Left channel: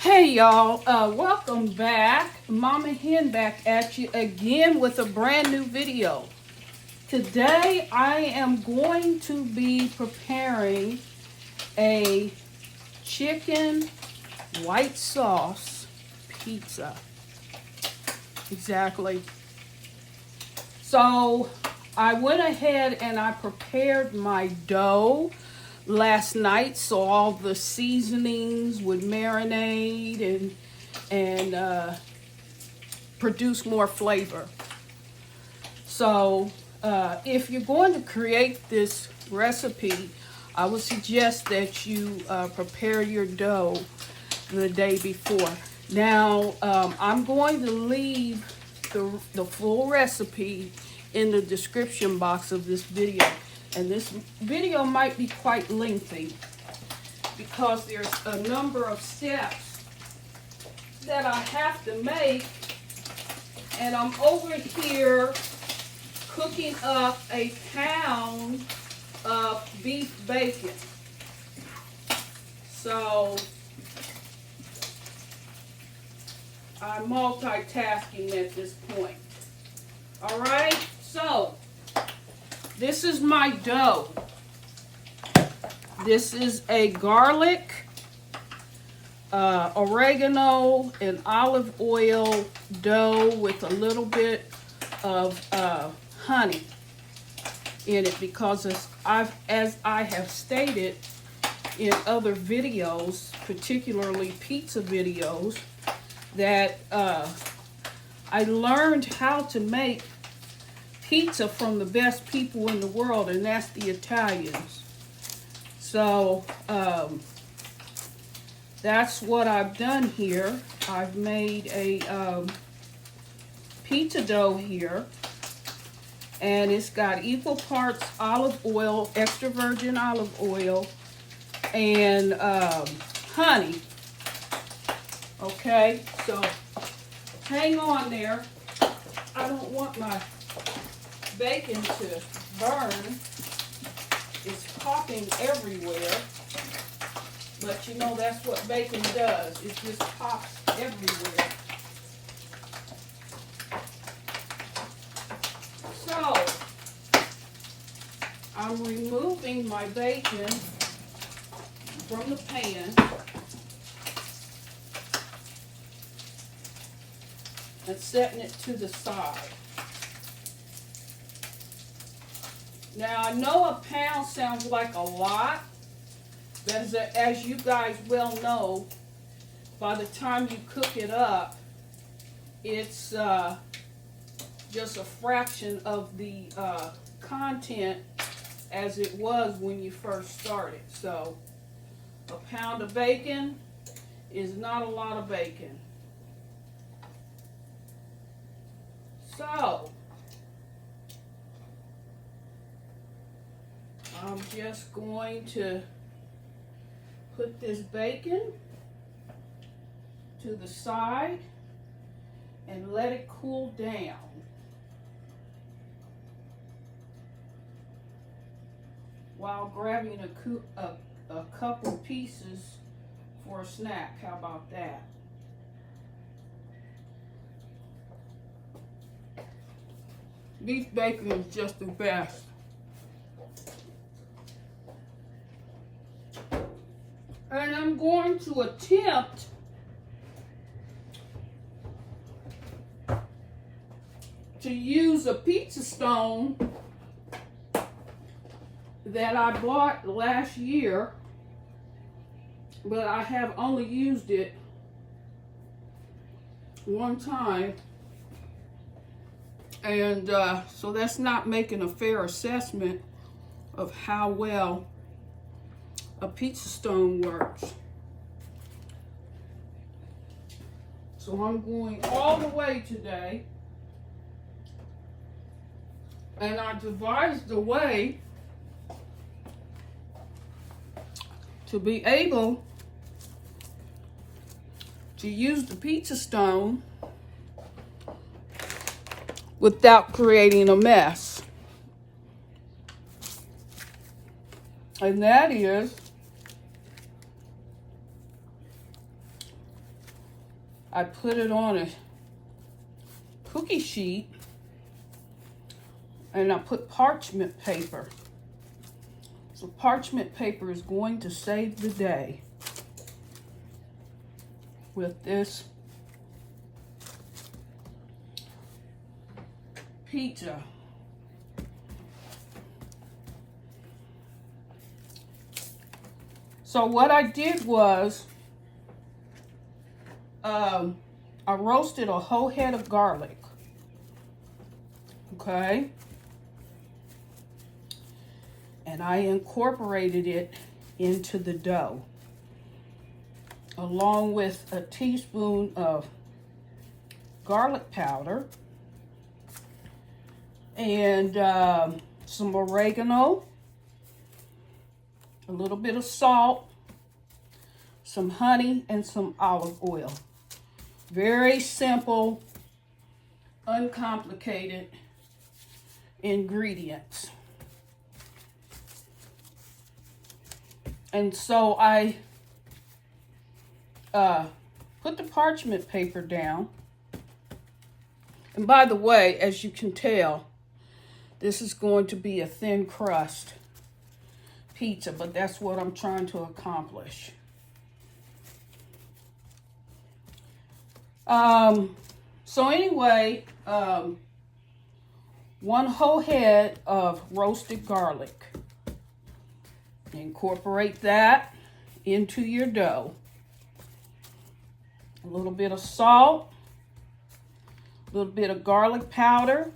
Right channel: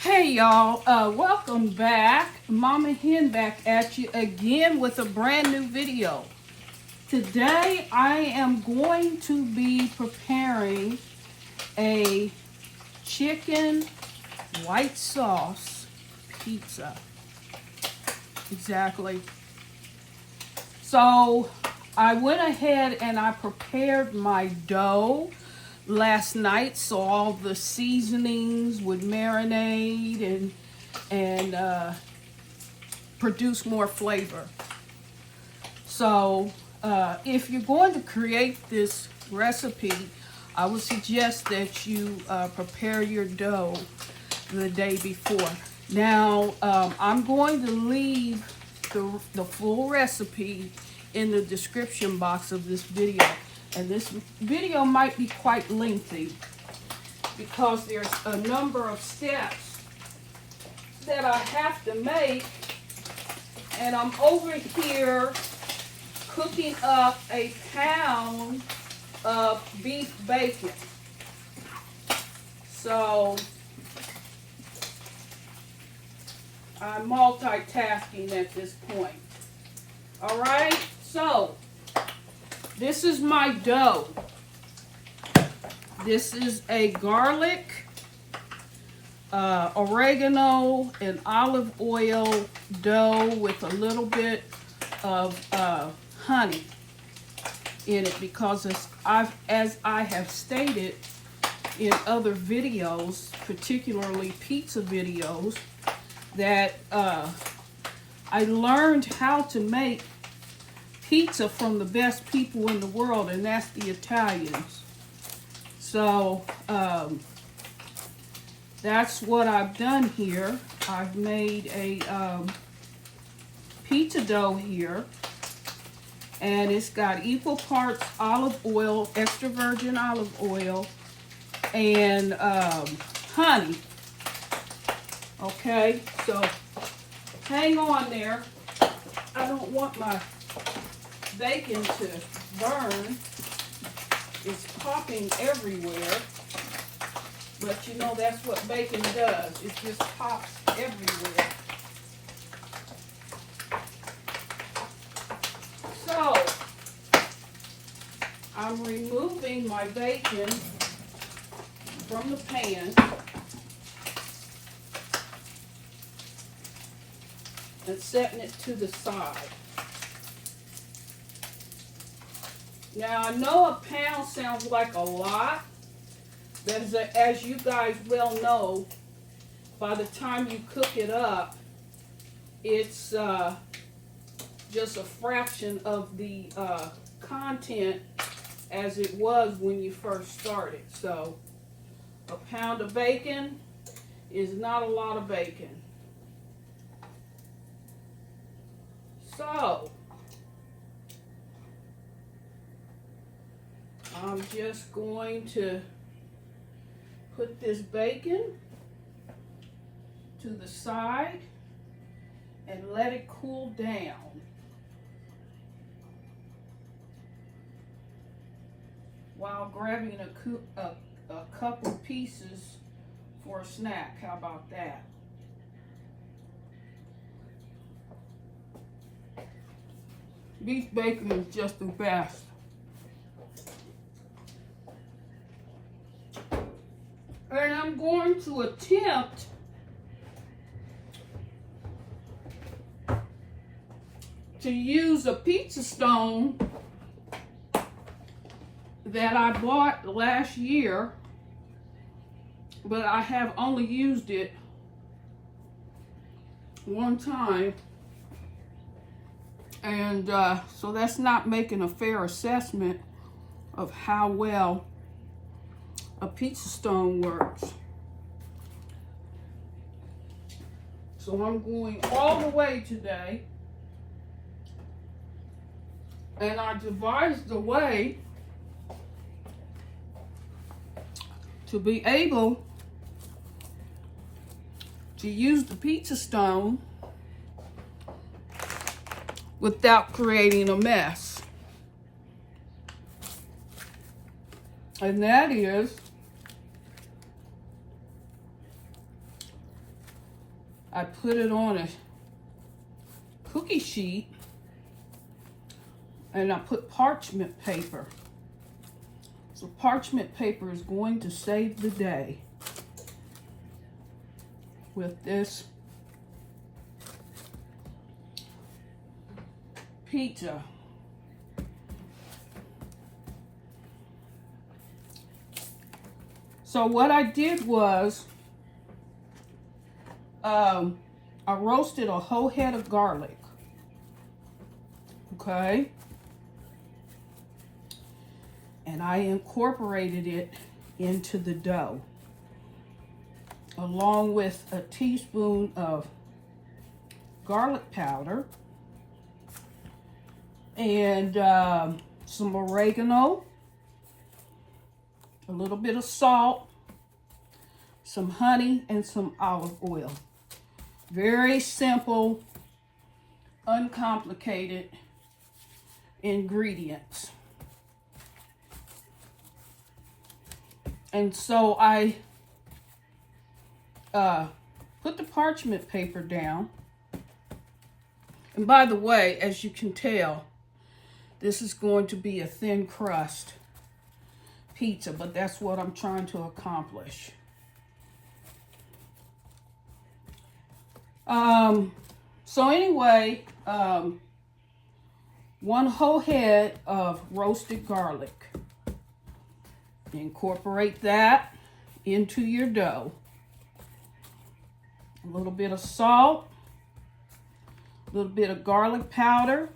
Hey y'all, welcome back. Mama Hen back at you again with a brand new video. Today I am going to be preparing a chicken white sauce pizza. Exactly. So I went ahead and I prepared my dough last night, so all the seasonings would marinate and produce more flavor. So if you're going to create this recipe, I would suggest that you prepare your dough the day before. Now I'm going to leave the full recipe in the description box of this video. And this video might be quite lengthy because there's a number of steps that I have to make. And I'm over here cooking up a pound of beef bacon. So I'm multitasking at this point. All right, so this is my dough. This is a garlic, oregano, and olive oil dough with a little bit of honey in it because as I have stated in other videos, particularly pizza videos, that I learned how to make pizza from the best people in the world, and that's the Italians. So that's what I've done here. I've made a pizza dough here, and it's got equal parts olive oil, extra virgin olive oil, and honey. Okay, so hang on there. I don't want my bacon to burn. It's popping everywhere, but you know that's what bacon does. It just pops everywhere. So I'm removing my bacon from the pan and setting it to the side. Now, I know a pound sounds like a lot, but as you guys well know, by the time you cook it up, it's just a fraction of the content as it was when you first started. So, a pound of bacon is not a lot of bacon. So, I'm just going to put this bacon to the side and let it cool down. While grabbing a couple pieces for a snack. How about that? Beef bacon is just the best. And I'm going to attempt to use a pizza stone that I bought last year, but I have only used it one time. And so that's not making a fair assessment of how well a pizza stone works. So I'm going all the way today, and I devised a way to be able to use the pizza stone without creating a mess. And that is I put it on a cookie sheet and I put parchment paper. So parchment paper is going to save the day with this pizza. So what I did was, I roasted a whole head of garlic, okay? And I incorporated it into the dough, along with a teaspoon of garlic powder and some oregano, a little bit of salt, some honey, and some olive oil. Very simple, uncomplicated ingredients. And so I put the parchment paper down. And by the way, as you can tell, this is going to be a thin crust pizza, but that's what I'm trying to accomplish. So anyway, 1 whole head of roasted garlic. Incorporate that into your dough. A little bit of salt, a little bit of garlic powder,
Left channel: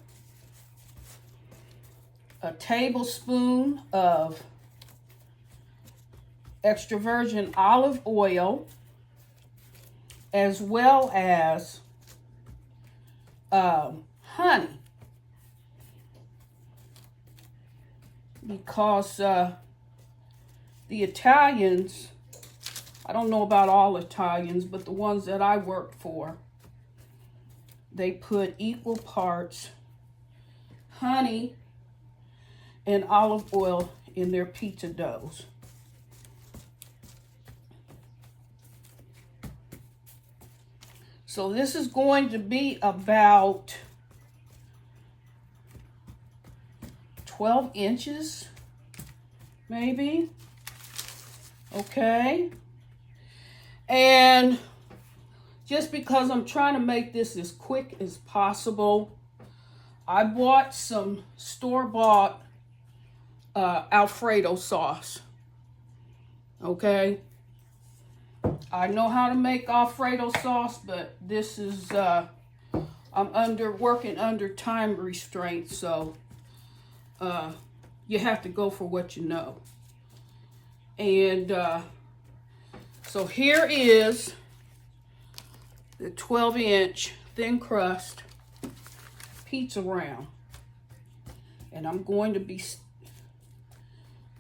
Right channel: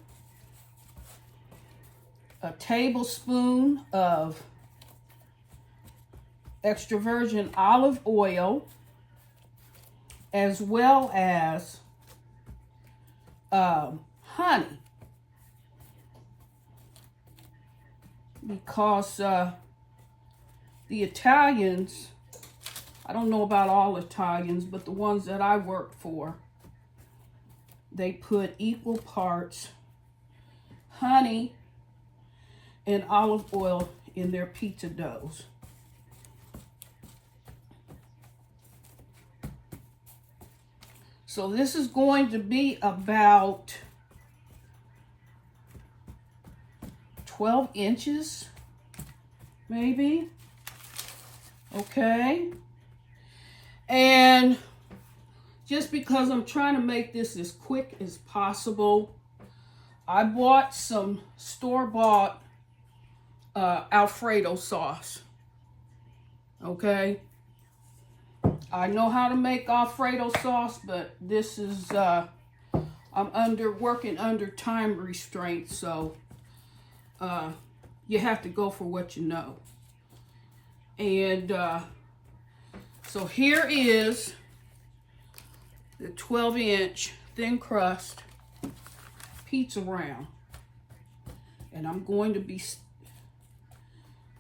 a tablespoon of extra virgin olive oil, as well as honey, because the Italians, I don't know about all Italians, but the ones that I worked for, they put equal parts honey and olive oil in their pizza doughs. So this is going to be about 12 inches, maybe. Okay. And just because I'm trying to make this as quick as possible, I bought some store-bought Alfredo sauce. Okay. I know how to make Alfredo sauce, but this is, I'm working under time restraints, so you have to go for what you know. And so here is the 12-inch thin crust pizza round. And I'm going to be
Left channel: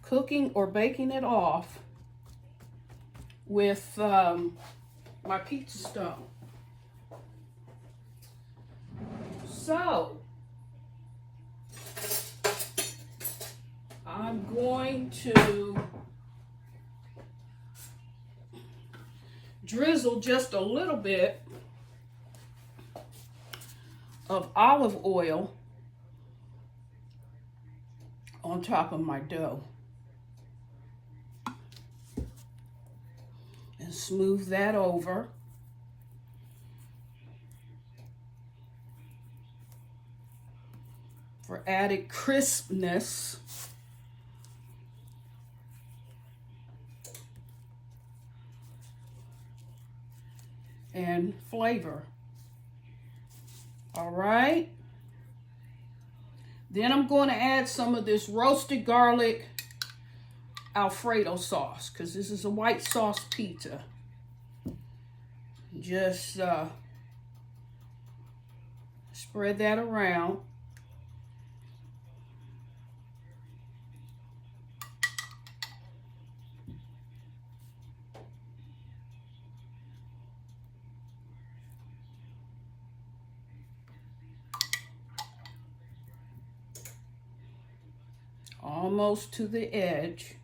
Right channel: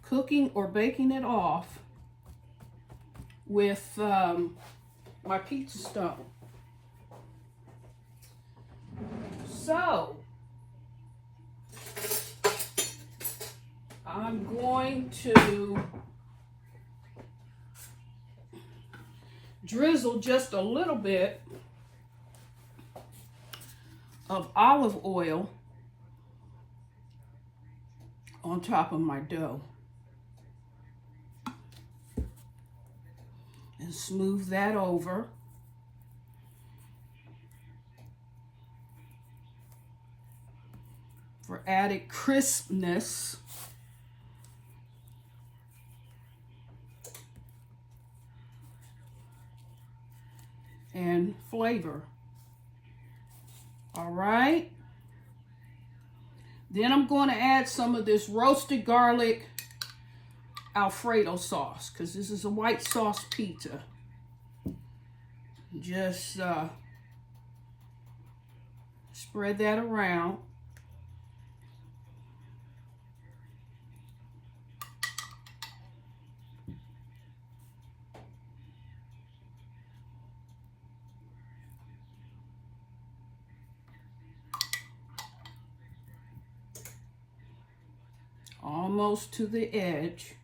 cooking or baking it off with my pizza stone. So I'm going to drizzle just a little bit of olive oil on top of my dough. And smooth that over. For added crispness. And flavor. All right. Then I'm going to add some of this roasted garlic Alfredo sauce, because this is a white sauce pizza. Just spread that around. Almost to the edge.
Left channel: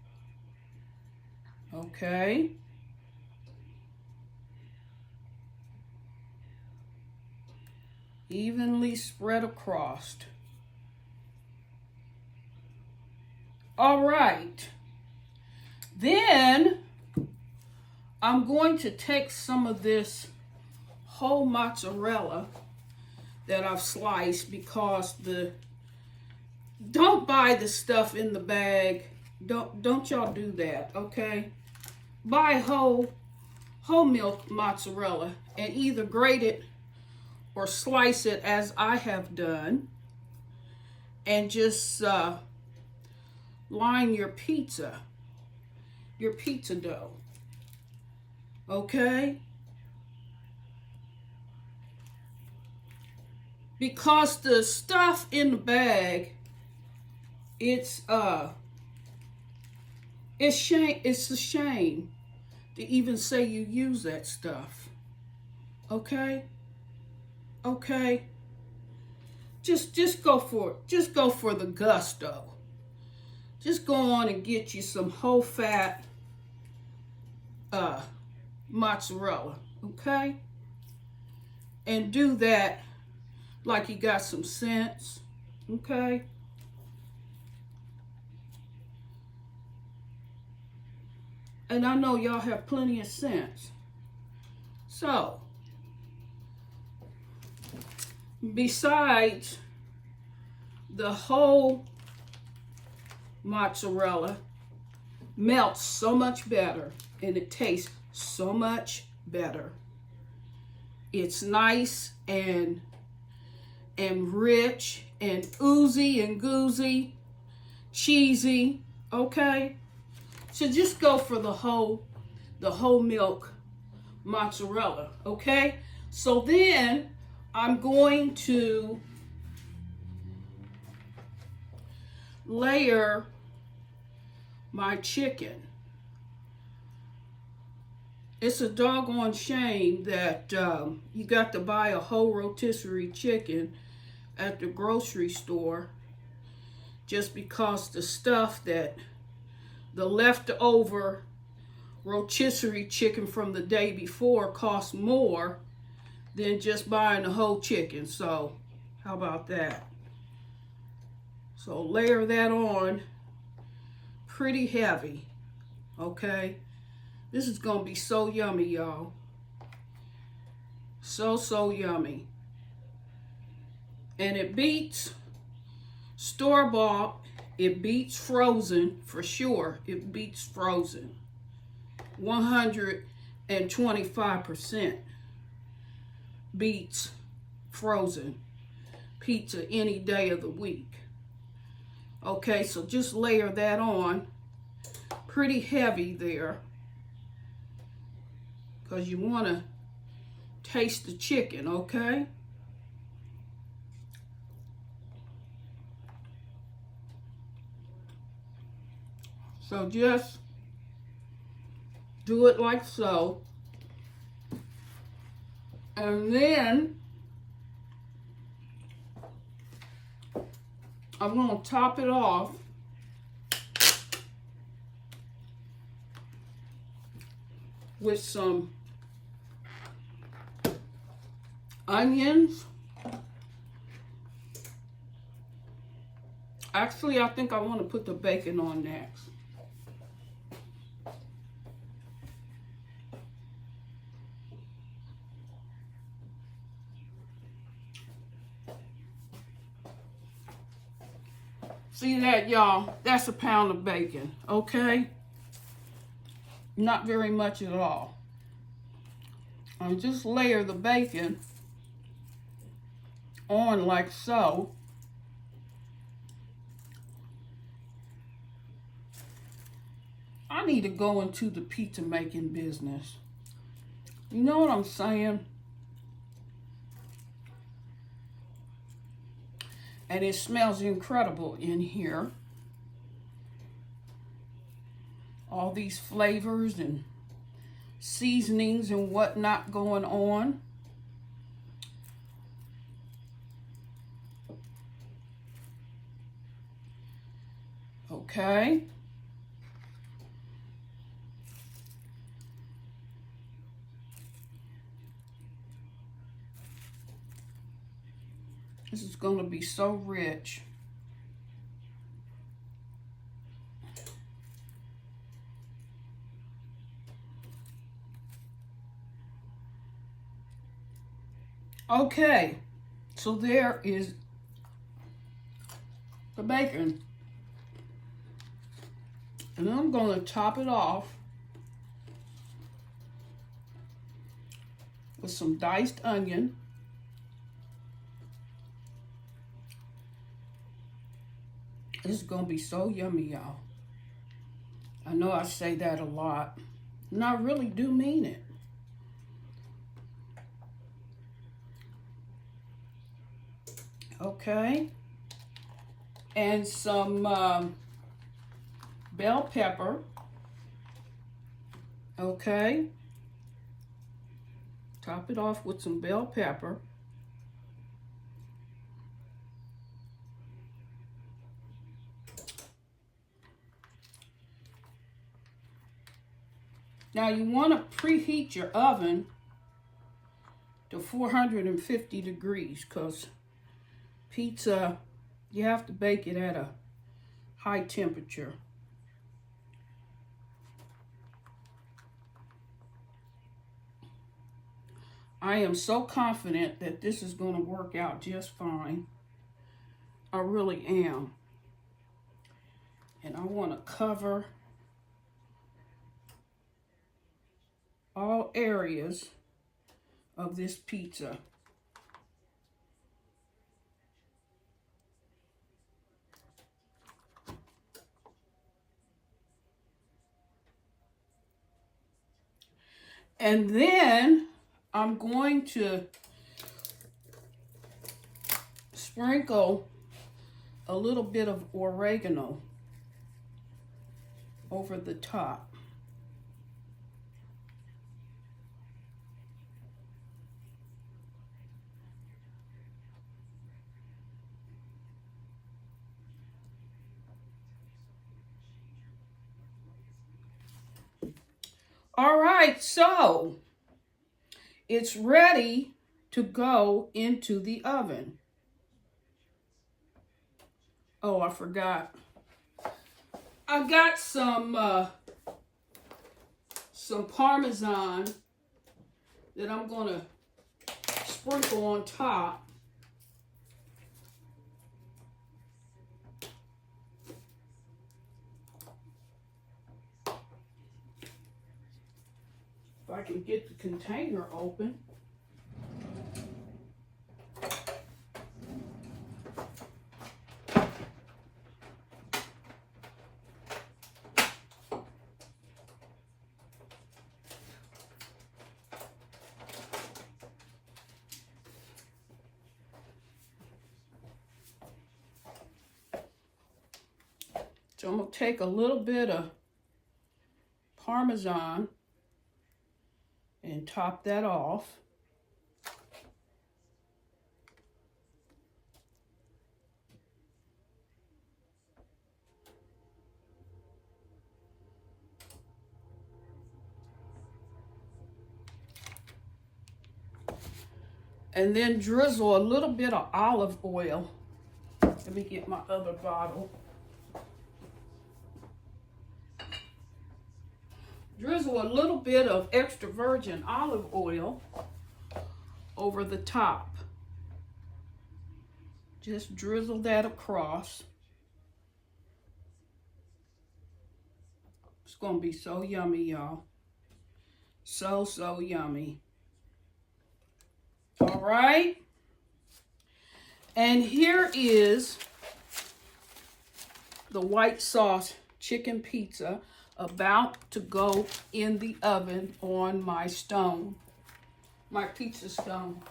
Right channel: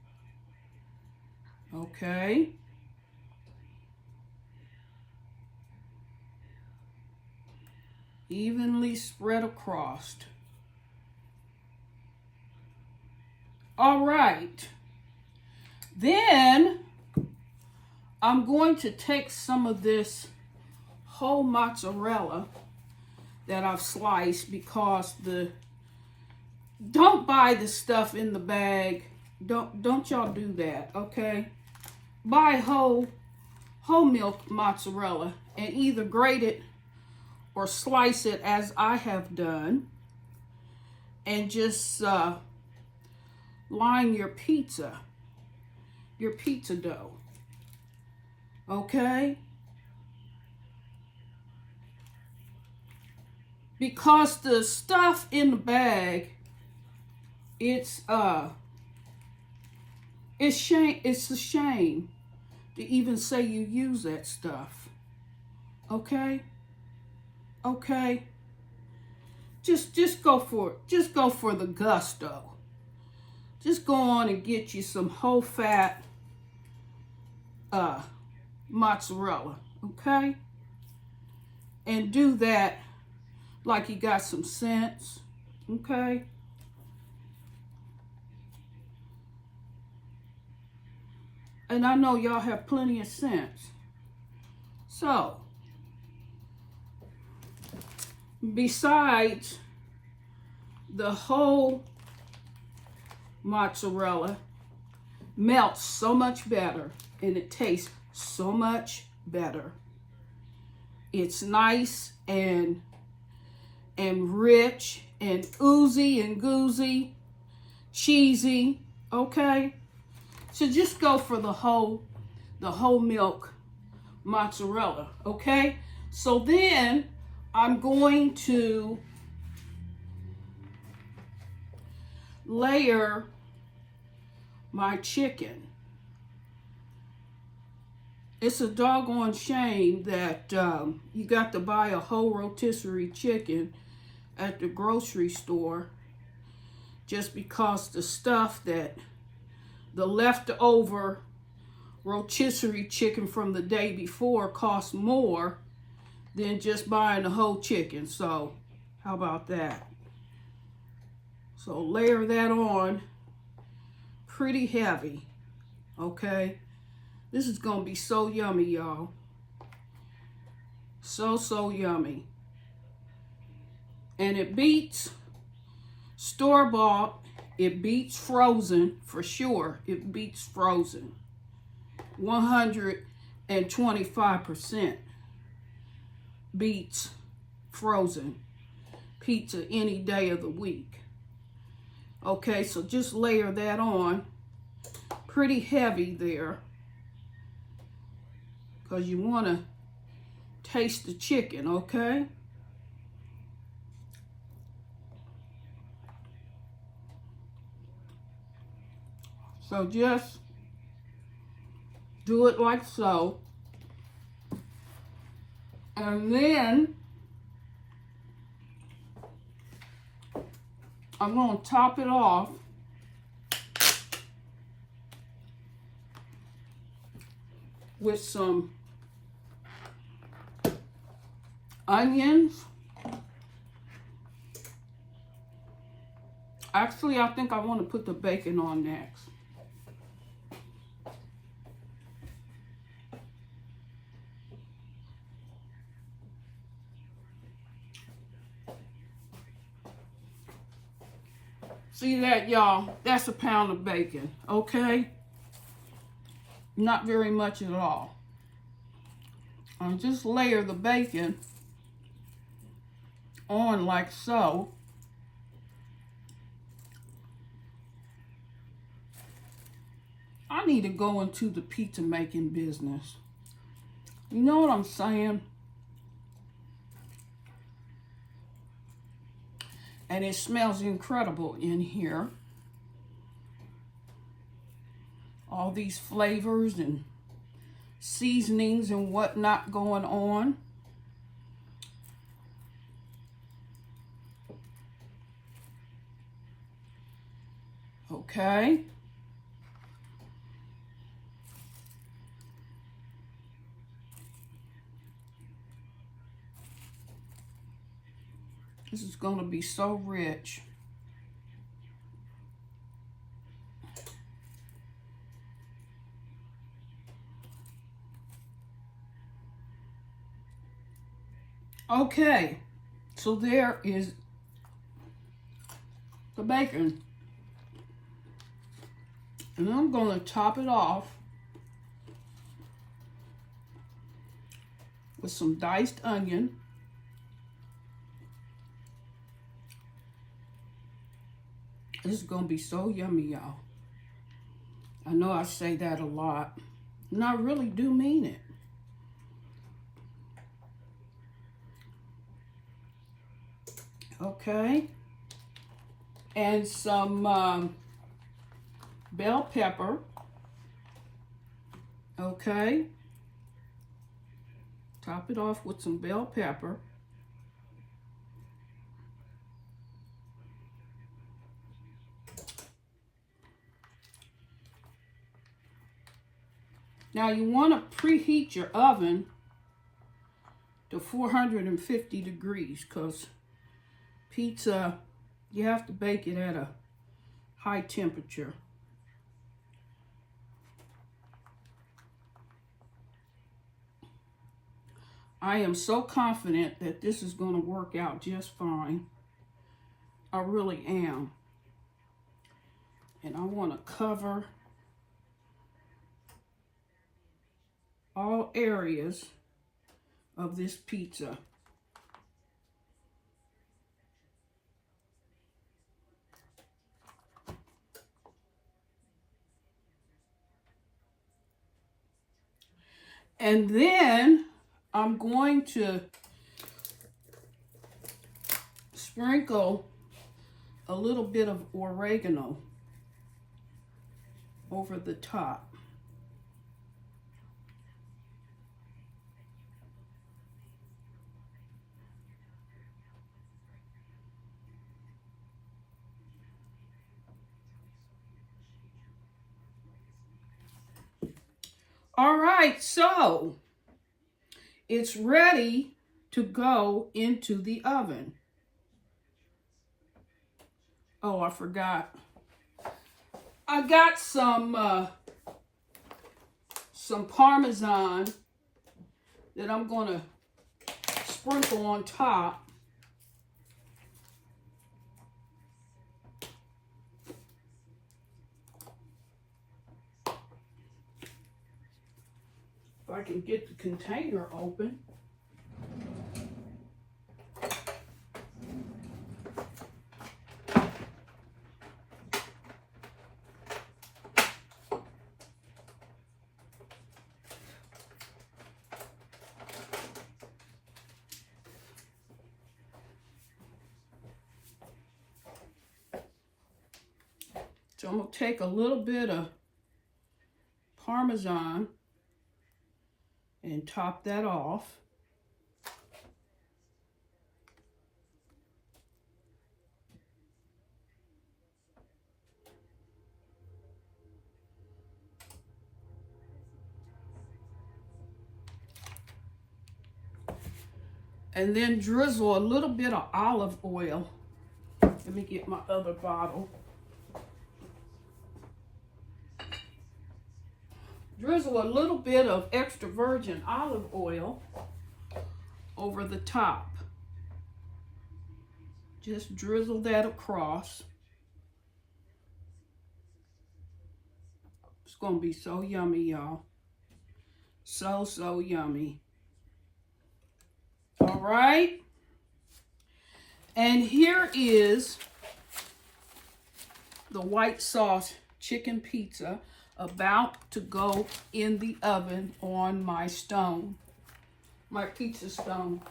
Okay. Evenly spread across. All right. Then I'm going to take some of this whole mozzarella that I've sliced, because don't buy the stuff in the bag. Don't y'all do that, okay? Buy whole milk mozzarella and either grate it or slice it as I have done, and just line your pizza dough, okay? Because the stuff in the bag, it's a shame to even say you use that stuff. Okay? Okay? Just go for it. Just go for the gusto. Just go on and get you some whole fat mozzarella, okay? And do that like you got some sense, okay? And I know y'all have plenty of sense. So, besides the whole mozzarella melts so much better and it tastes so much better. It's nice and rich and oozy and goozy, cheesy, okay? So just go for the whole milk mozzarella, okay? So then I'm going to layer my chicken. It's a doggone shame that you got to buy a whole rotisserie chicken at the grocery store just because the stuff that the leftover rotisserie chicken from the day before costs more than just buying the whole chicken. So how about that? So layer that on pretty heavy, okay? This is gonna be so yummy, y'all. So yummy. And it beats store-bought, it beats frozen for sure. It beats frozen. 125% beats frozen pizza any day of the week. Okay, so just layer that on pretty heavy there, because you want to taste the chicken, okay? So just do it like so. And then I'm going to top it off with some onions. Actually, I think I want to put the bacon on next. See that, y'all? That's a pound of bacon, okay? Not very much at all. I'll just layer the bacon on like so. I need to go into the pizza making business. You know what I'm saying? And it smells incredible in here. All these flavors and seasonings and whatnot going on. Okay. This is going to be so rich. Okay, so there is the bacon. And I'm going to top it off with some diced onion. This is going to be so yummy, y'all. I know I say that a lot, and I really do mean it. Okay. And some bell pepper. Okay. Top it off with some bell pepper. Now you want to preheat your oven to 450 degrees because pizza, you have to bake it at a high temperature. I am so confident that this is going to work out just fine. I really am. And I want to cover all areas of this pizza. And then I'm going to sprinkle a little bit of oregano over the top. All right, so it's ready to go into the oven. Oh, I forgot. I got some Parmesan that I'm going to sprinkle on top. If I can get the container open. So I'm going to take a little bit of Parmesan and top that off. And then drizzle a little bit of olive oil. Let me get my other bottle. Drizzle a little bit of extra virgin olive oil over the top. Just drizzle that across. It's going to be so yummy, y'all. So yummy. All right. And here is the white sauce chicken pizza about to go in the oven on my stone, my pizza stone.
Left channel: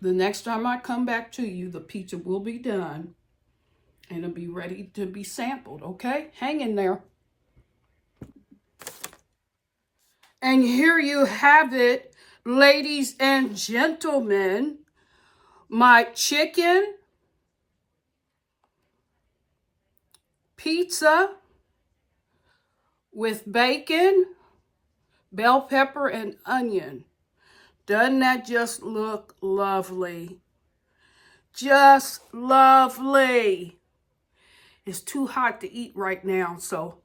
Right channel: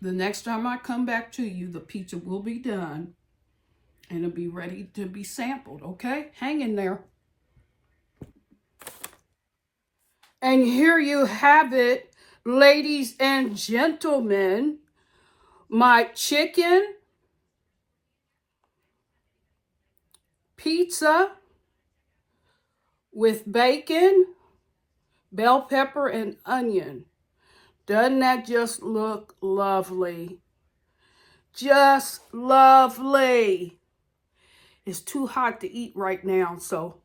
The next time I come back to you, the pizza will be done and it'll be ready to be sampled, okay? Hang in there. And here you have it, ladies and gentlemen, my chicken pizza with bacon, bell pepper, and onion. Doesn't that just look lovely? Just lovely. It's too hot to eat right now, so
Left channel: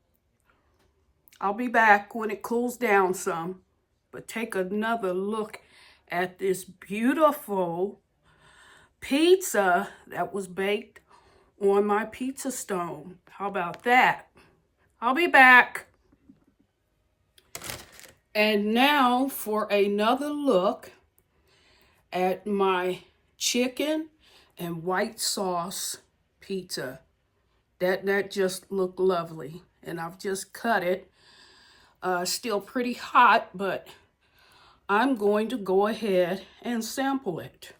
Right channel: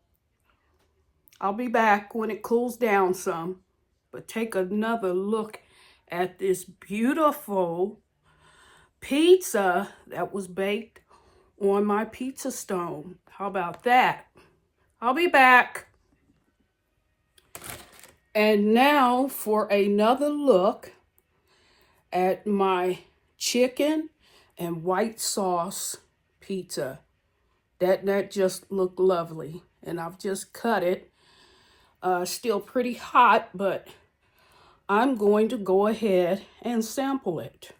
I'll be back when it cools down some. But take another look at this beautiful pizza that was baked on my pizza stone. How about that? I'll be back. And now for another look at my chicken and white sauce pizza. That just looked lovely. And I've just cut it. Still pretty hot, but I'm going to go ahead and sample it.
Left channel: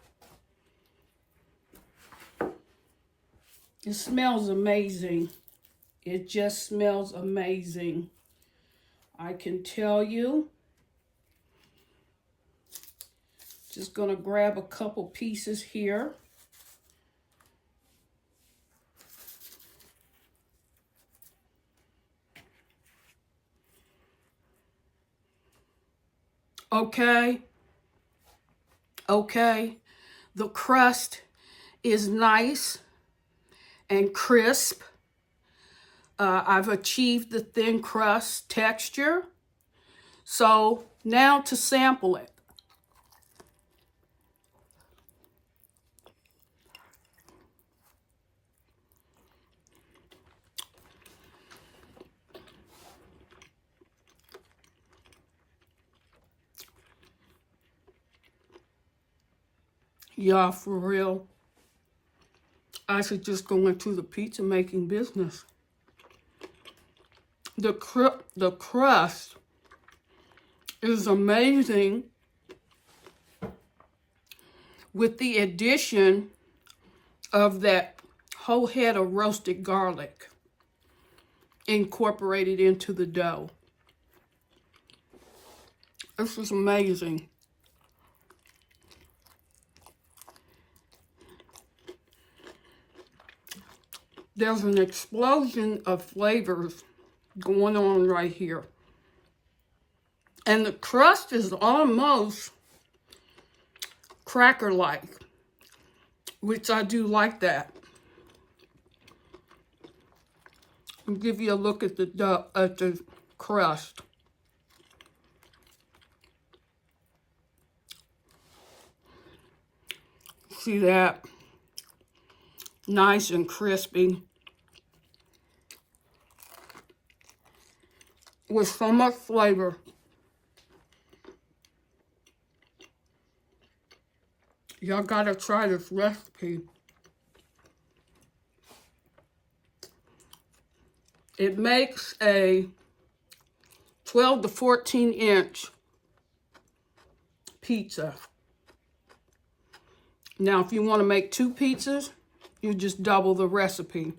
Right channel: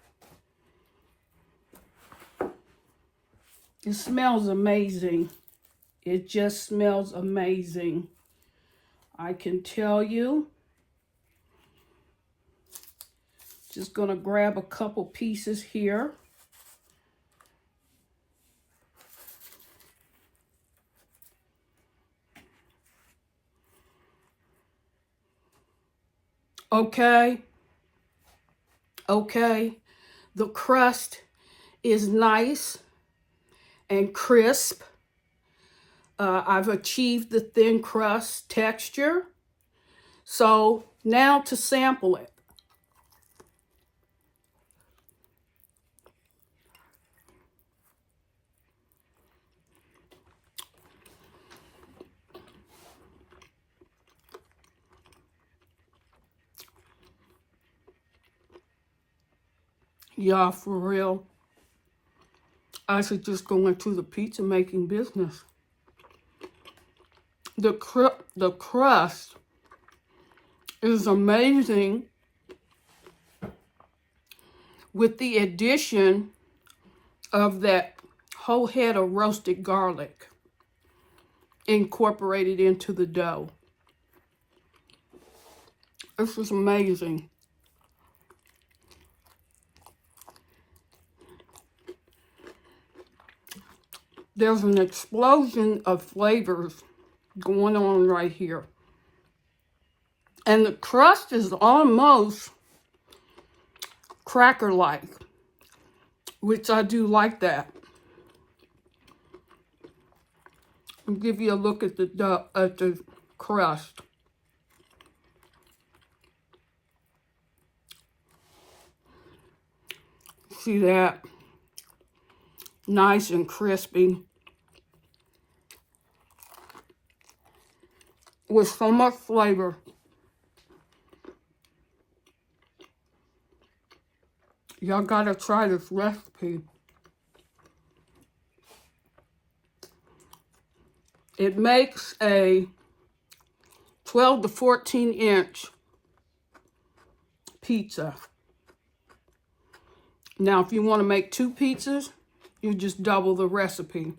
It smells amazing. It just smells amazing. I can tell you. Just gonna grab a couple pieces here. Okay. The crust is nice and crisp. I've achieved the thin crust texture. So now to sample it. Yeah, for real. I should just go into the pizza making business. The crust is amazing with the addition of that whole head of roasted garlic incorporated into the dough. This is amazing. There's an explosion of flavors going on right here. And the crust is almost cracker-like, which I do like that. I'll give you a look at the crust. See that? Nice and crispy. With so much flavor. Y'all gotta try this recipe. It makes a 12 to 14 inch pizza. Now, if you want to make 2 pizzas, you just double the recipe.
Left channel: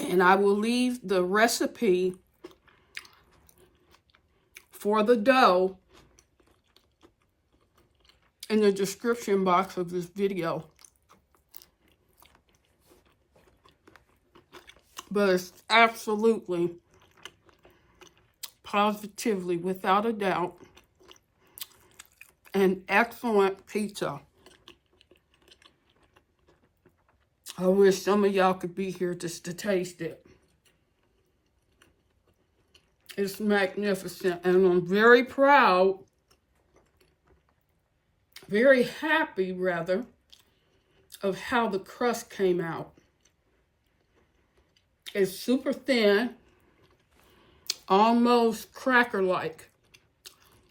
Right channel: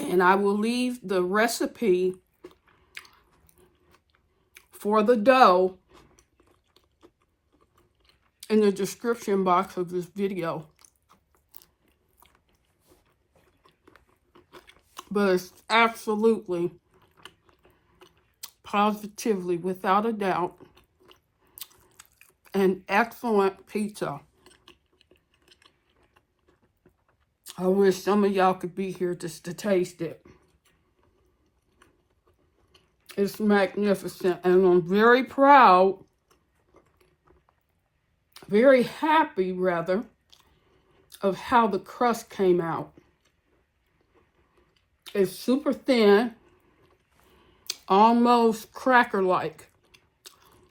And I will leave the recipe for the dough in the description box of this video. But it's absolutely, positively, without a doubt, an excellent pizza. I wish some of y'all could be here just to taste it. It's magnificent, and I'm very proud, very happy rather, of how the crust came out. It's super thin, almost cracker-like,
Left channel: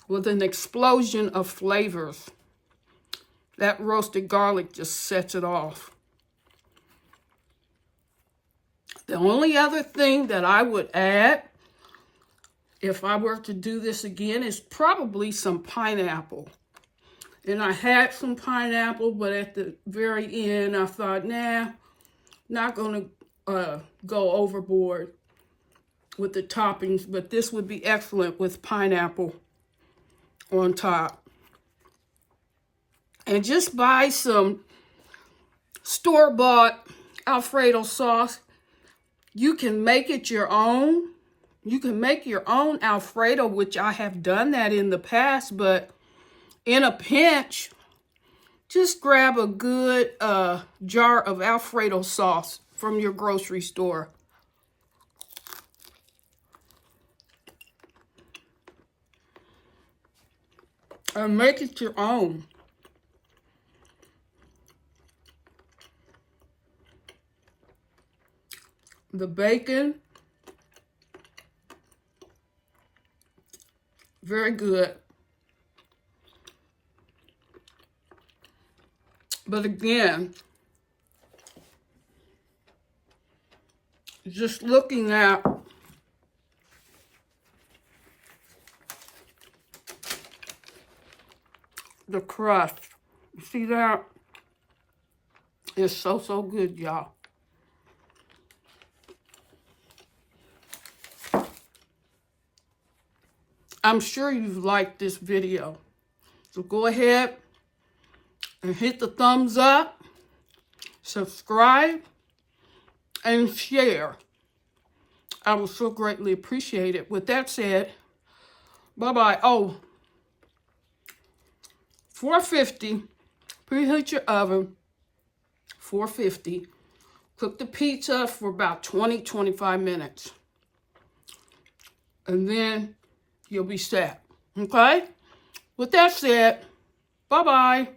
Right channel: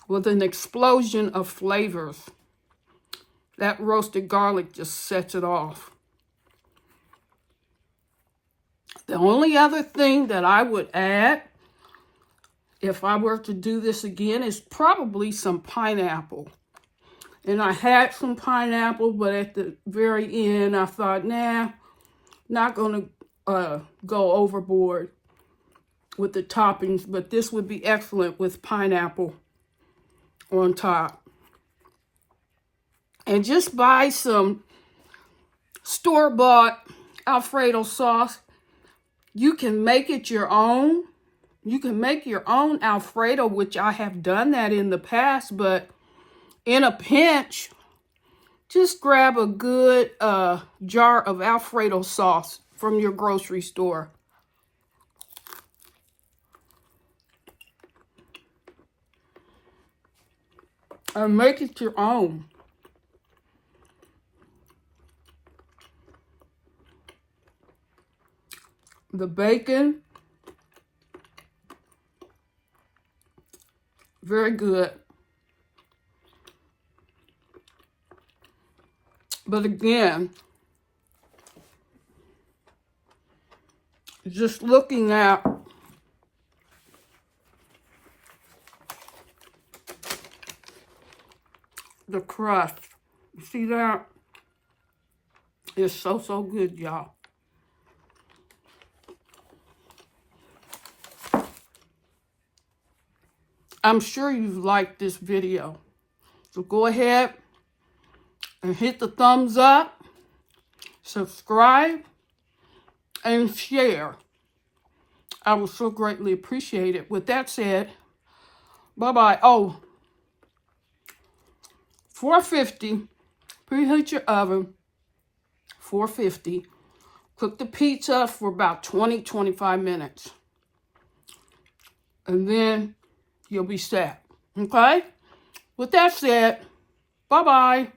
with an explosion of flavors. That roasted garlic just sets it off. The only other thing that I would add, if I were to do this again, is probably some pineapple. And I had some pineapple, but at the very end, I thought, nah, not going to go overboard with the toppings, but this would be excellent with pineapple. on top. And just buy some store-bought Alfredo sauce. You can make it your own. You can make your own Alfredo, which I have done that in the past, but in a pinch, just grab a good jar of Alfredo sauce from your grocery store. And make it your own. The bacon, very good. But again, just looking at the crust, you see that? It's so, so good, y'all. I'm sure you've liked this video. So go ahead and hit the thumbs up, subscribe, and share. I would so greatly appreciate it. With that said, bye-bye. Oh, 450, preheat your oven, 450. Cook the pizza for about 20-25 minutes. And then you'll be set, okay? With that said, bye-bye.